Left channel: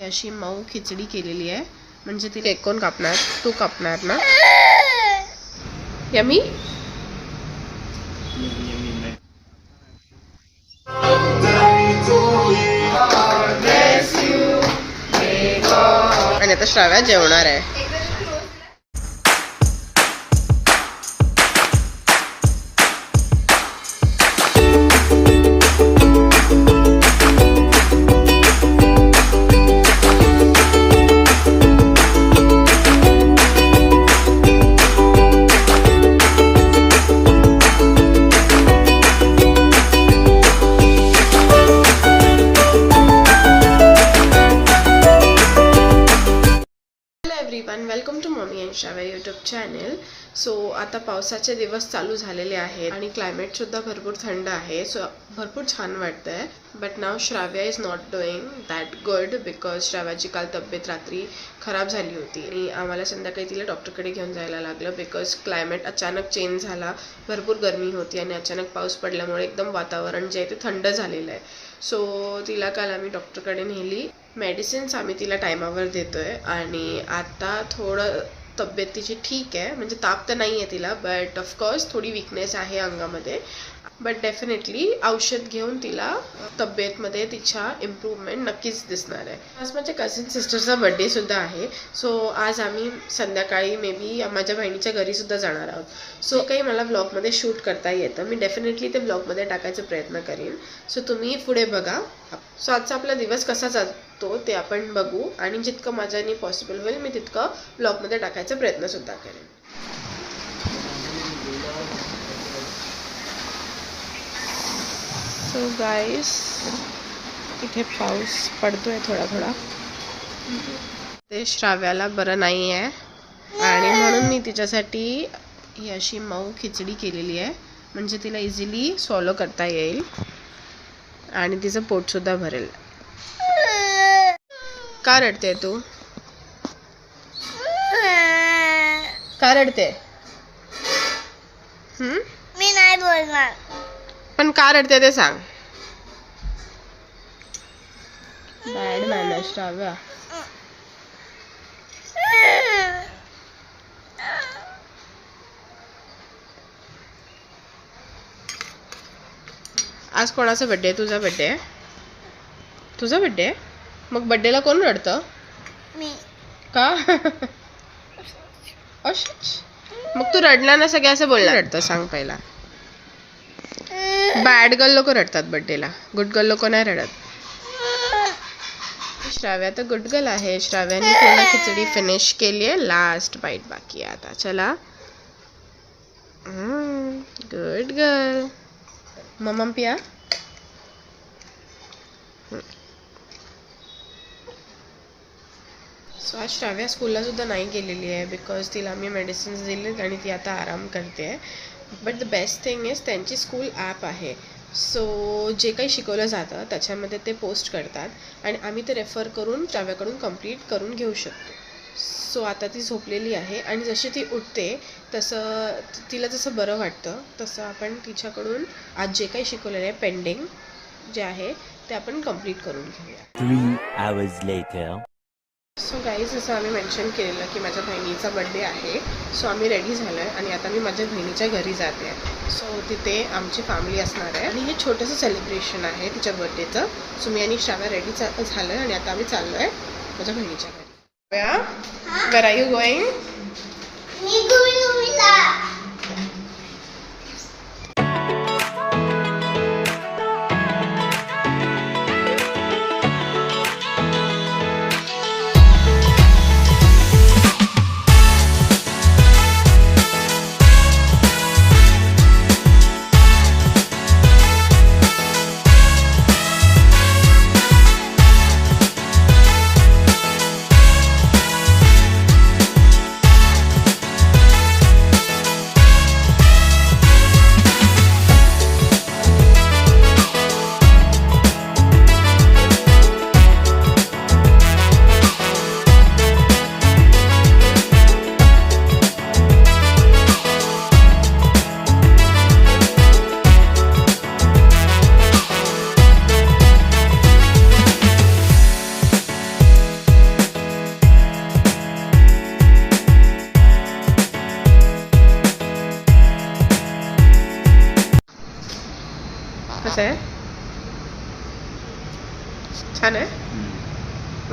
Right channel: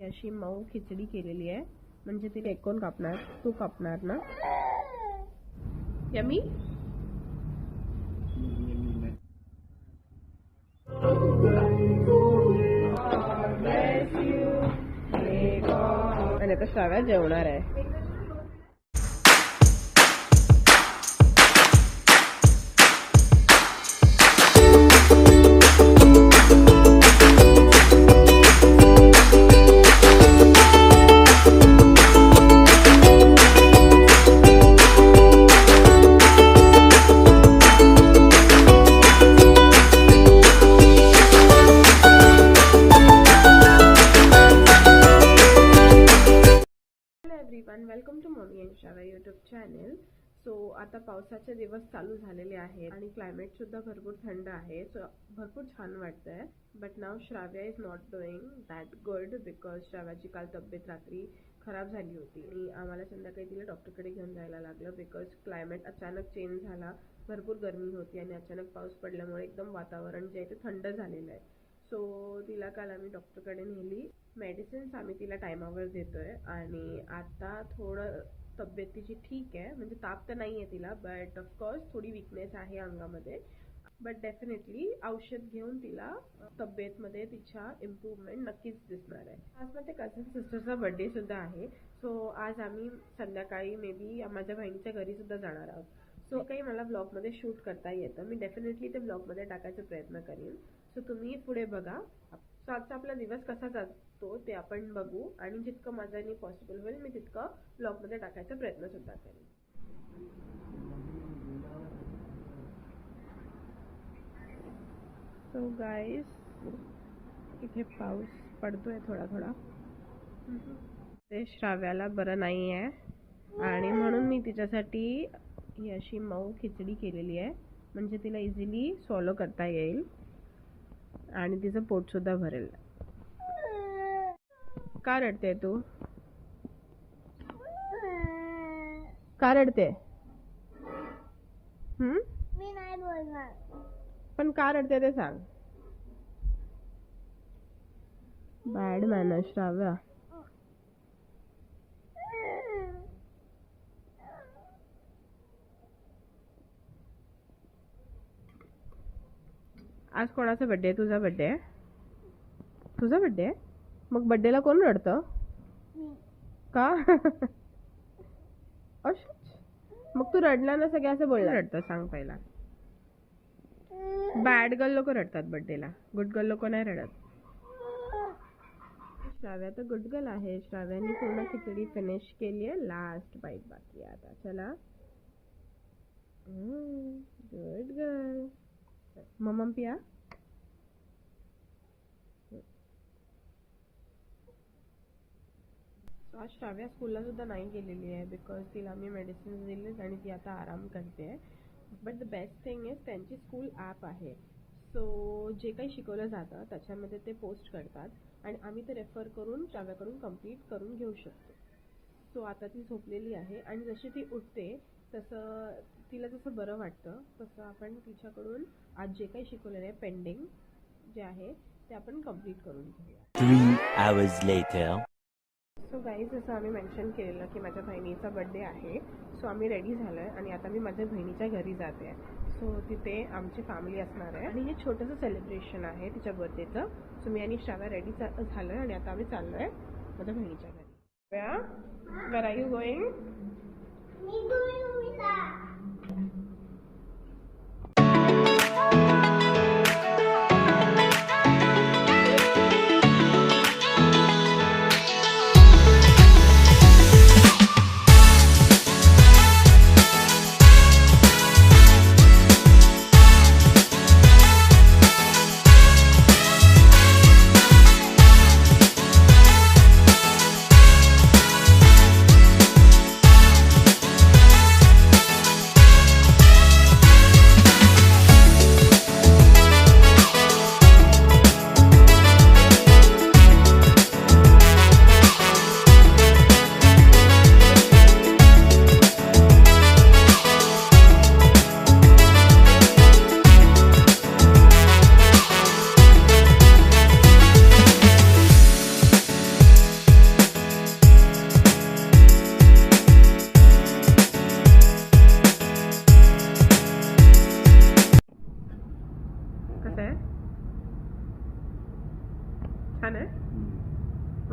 अशी मऊ खिचडी केलेली आहे. म्हणजे ती केक कोण कापणार? तू कापणार ना? यमी आणि आता श्राव्या जेवणार आहे. Welcome to mummy and Shravya YouTube channel. So आता पावसाचे दिवस चालू झालेले आहेत आणि क्लायमेट सुद्धा भरपूर थंड आहे. सो भरपूर छान वाटतंय. बट नाव Shravya is not doing that good because श्राव्याची काल तब्येत रात्री खराब झाली होती आणि आम्हाला संध्याकाळी तिला डॉक्टरकडे घेऊन जायला लागलं बिकॉज क्लायमेट अचानक चेंज झाला. भरपूर गरमी होती आणि अचानक पाऊस पडल्यामुळे एकदम वातावरण जे आहे ते थंड झालेलं आहे. सो तिला काल आम्ही डॉक्टरकडे नेली. मेडिसिन्स आम्ही तिला टायमावर देतोय आणि आता थोडं तब्येत तिची ठीक आहे. म्हणजे ताप तर नाही आहे तिला, बट ऑफकोर्स थोडी विकनेस आहे अंगामध्ये. बट डेफिनेटली औषध घेऊन तिला तब्येतमध्ये तिच्या इम्प्रूव्हमेंट नक्कीच दिसणार आहे. आज माझ्या कझिन सिस्टरचा बड्डे सुद्धा आहे. सो आज आम्ही संध्याकाळी मे बी माझ्या बहिणीच्या घरी सुद्धा जाणार आहोत. सो काही मला ब्लॉगमध्ये शूट करता येतं. मी डेफिनेटली ते ब्लॉगमध्ये टाकायचा प्रयत्न करीन. सो तुम्ही पुढे बघा. सो आजचा आपला दिवस कसा जातो ते आपण बघू आणि जितकं माझ्याने पॉसिबल होईल मी तितकं ब्लॉगमध्ये टाकायचा प्रयत्न सुद्धा करेन. सो गाईस इथे पाऊस पडतोय थोडा थोडा. ते श्राव्याला बरं नाही आहे आणि म्हणून मी तिच्यासाठी ही अशी मऊ खिचडी केलेली आहे. म्हणजे तिला इझिली स्वॉलो करता येईल आणि तिचं पोट सुद्धा भरेल. का रडते तू? का रडते? मी नाही बोलणार. पण का रडते ते सांग. Bad manners Shravya. आज कोणाचा बड्डे आहे? तुझा बड्डे आहे? तुझा बड्डे आहे? मग बड्डेला कोण रडतं? मी. का? अशीच मग तू रडला ना, सगळे असं बोलणार रडतं सांग पहिला. बॅड गर्ल लोक रडतात बड्डेला, गुड गर्ल लोक नाही रडत. श्राव्या तर गुड गर्ल आहे. श्राव्याने पूर्ण खिचडी फिनिश केली आहे. लास्ट बाईट बाकी आहे आता. चला. Good girl. मम्मा पिया. सो आज श्राव्या स्कूलला सुद्धा नाही गेलेली आहे बिकॉज तिला आम्ही मेडिसिन्स दिलेत आणि ती आता आराम करते आहे. But the best thing is त्यांची स्कूल ॲप आहे. सो जे काही शिकवलं जातं त्याच्यामध्ये ते पोस्ट करतात आणि आम्ही ते रेफर करून श्राव्याकडून कंप्लीट करून घेऊ शकतो. सो आता ती झोपलेली आहे आणि जशी ती उठते तसं तिला जसं बरं वाटतं तसं आपण तिच्याकडून आज जे काही शिकवलेलं आहे पेंडिंग जे आहे ते आपण कंप्लीट करून घेऊया. 3 hours later. सो गाईज जसं आम्ही मेन्शन केलेलं की माझ्या बहिणीचा बड्डे आहे. सो आम्ही रेडी झालो आहे आणि आता मी माझ्या बहिणीच्या घरी जाते आहे. सो तिथे आमची फॅमिली असणार आहे आणि हे छोटंसं सेलिब्रेशन आहे तिच्या बड्डेचं. सो मी आणि श्राव्या रेडी झालो आहे आणि आता आम्ही चाललो आहे माझ्या बहिणीच्या घरी. वेर आर यू गोईंग? मी गुरुला.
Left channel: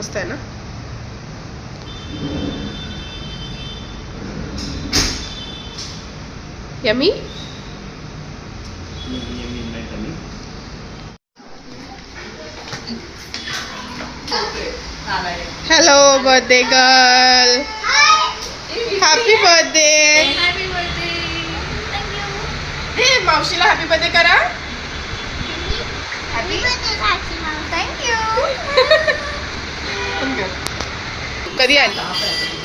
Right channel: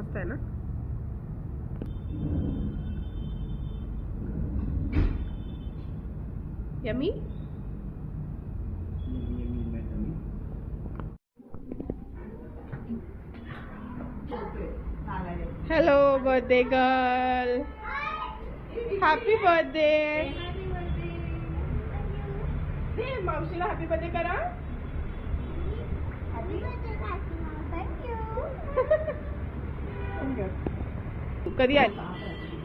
मस्त आहे ना. Yummy. Hello birthday girl. Happy birthday. हे मावशीला हॅपी बर्थडे करा. कधी आली?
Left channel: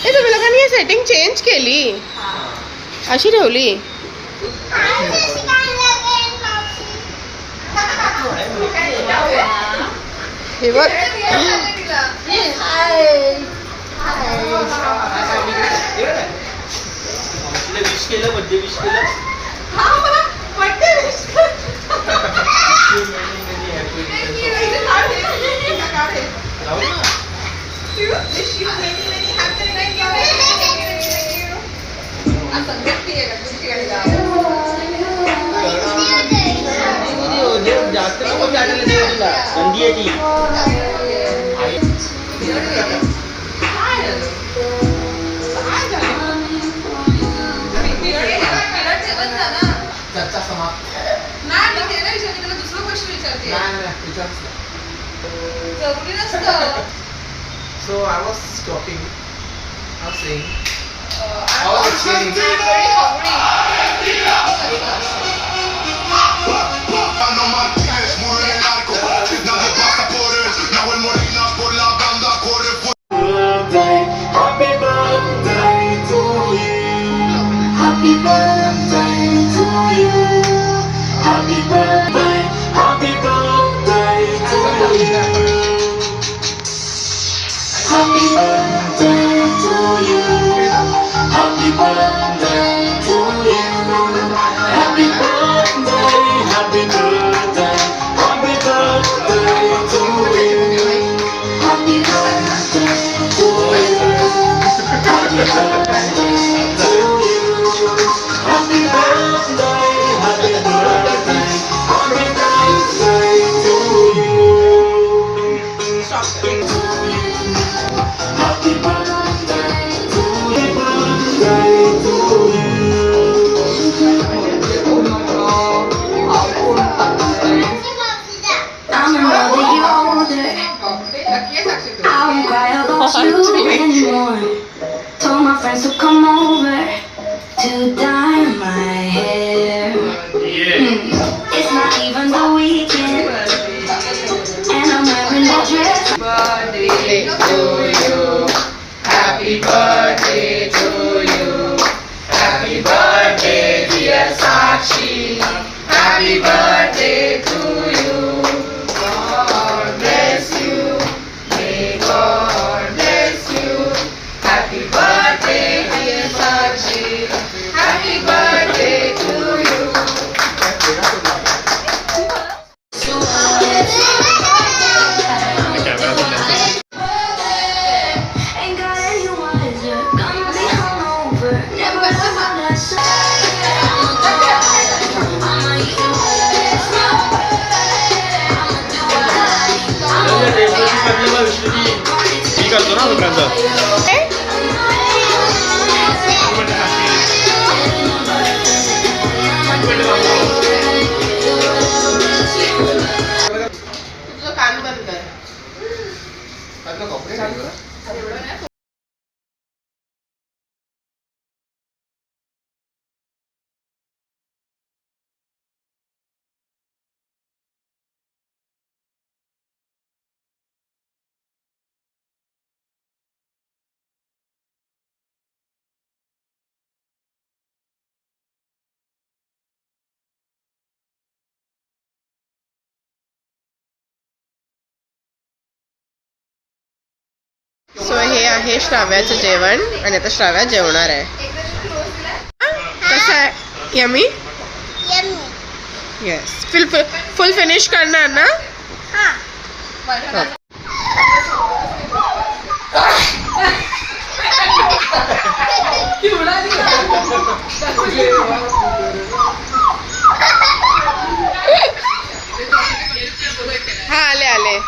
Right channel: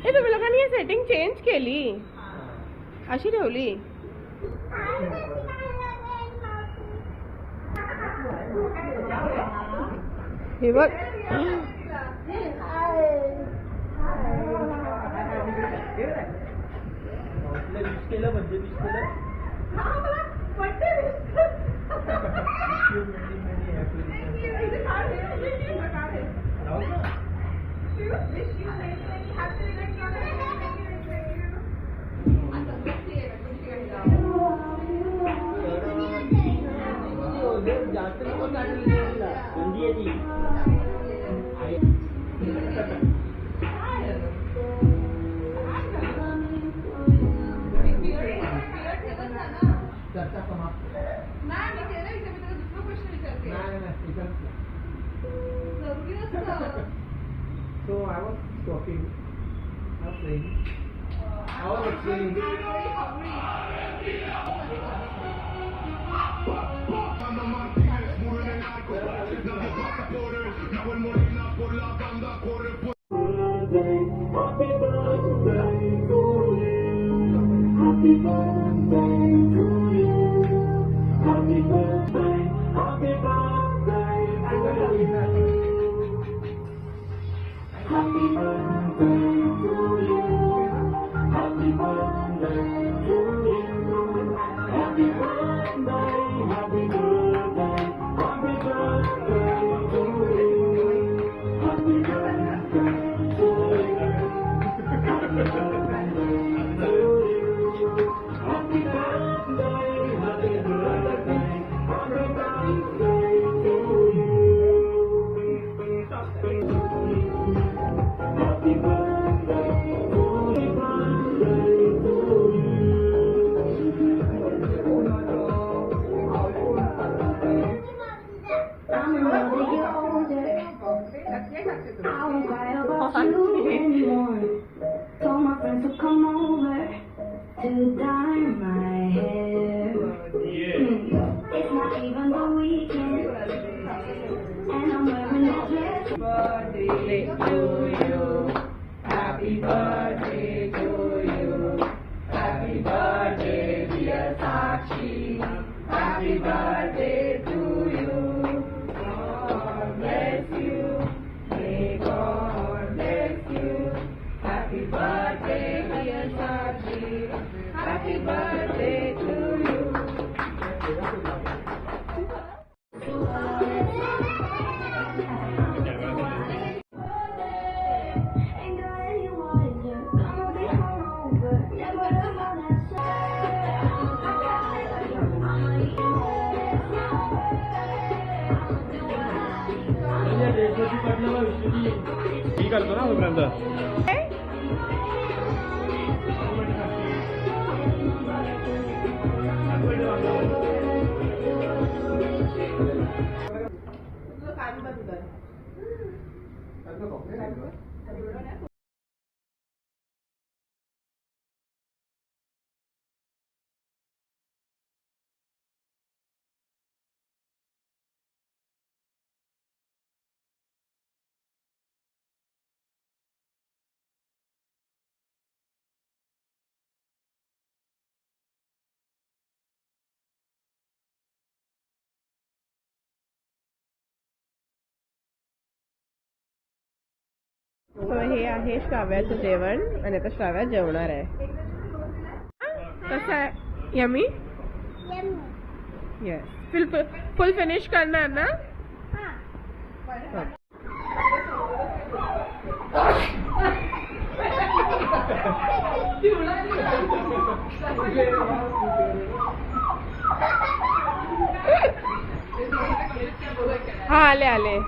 ए तुम्ही लोकांनी ही सेटिंग चेंज केली, अशी ठेवली. हे बघ. So I was talking, I was saying, I was explaining. Told my friends to come over to dye my hair. It's not even the weekend, and I'm wearing a dress. Birthday to you. Happy birthday to you. Happy birthday dear Sakshi. Happy birthday to you. God bless you. May God bless you. Happy birthday dear Sakshi. Happy birthday to you. Ain't got anyone is gonna be hungover. Never ever that side. I'ma eat it it's my birthday. I'ma do what I मी करतो ना तोपर्यंत. तुझं कान बंद कर. So हे आहे श्राव्याचं जेवण आणि आता श्राव्या जेवणार आहे. कसं आहे? यमी. येस. फुल फिनिश करणार ना? हा आले आले.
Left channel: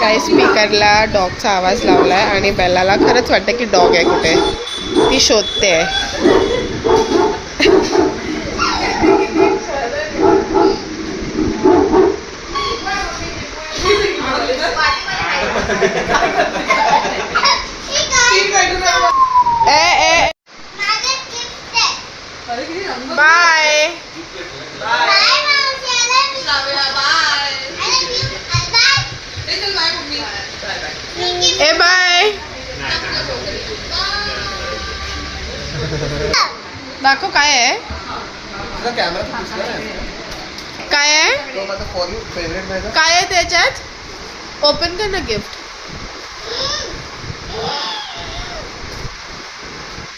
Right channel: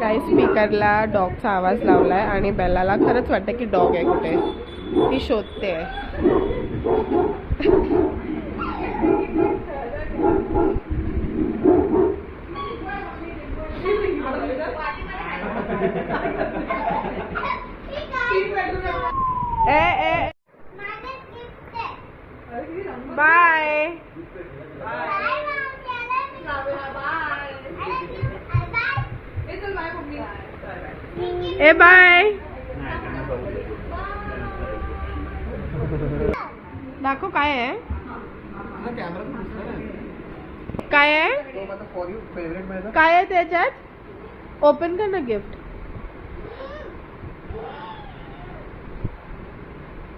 गाईस स्पीकरला डॉगचा आवाज लावलाय आणि बेलाला खरंच वाटतं की डॉग आहे कुठे, ती शोधते आहे. बाय ए बाय. दाखव काय आहे, तुझा कॅमेरा दिसला नाही. काय आहे, तो माझा फॉर यू फेवरेट माझा. काय आहे त्याच्यात. ओपन कर ना गिफ्ट.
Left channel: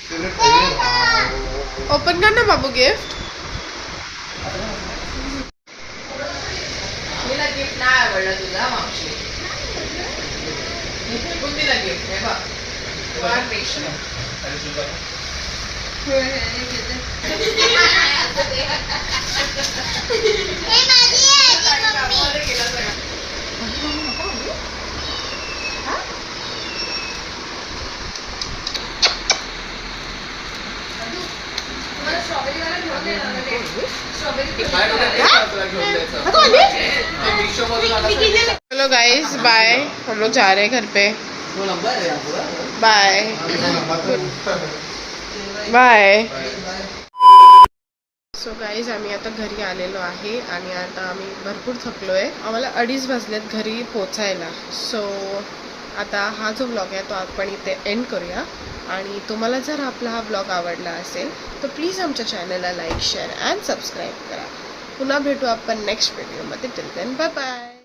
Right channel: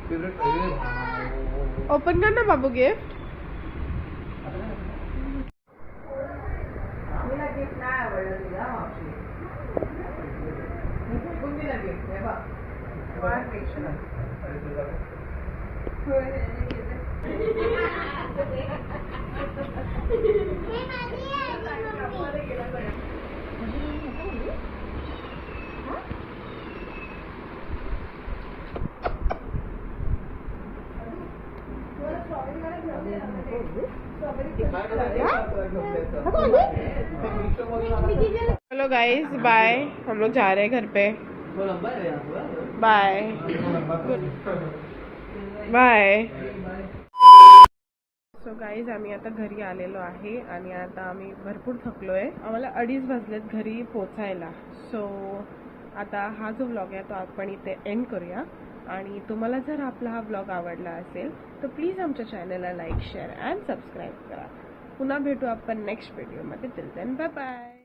फेवरेट. ओपन कर ना बाबू गिफ्ट. गिफ्ट नाही आवडलं तुला मावशी. दिला गिफ्ट हे बघ. चलो गाइस बाय, हम लोग जा रहे हैं घर पे. वो लंबा है यार पूरा. Bye bye. सो गाईज आम्ही आता घरी आलेलो आहे आणि आता आम्ही भरपूर थकलो आहे. आम्हाला 2:30 वाजलेत घरी पोचायला. सो आता हा जो व्लॉग आहे तो आपण इथे एंड करूया. आणि तुम्हाला जर आपला हा व्लॉग आवडला असेल तर प्लीज आमच्या चॅनलला लाईक शेअर अँड सबस्क्राईब करा. पुन्हा भेटू आपण नेक्स्ट व्हिडिओमध्ये. Till then bye bye.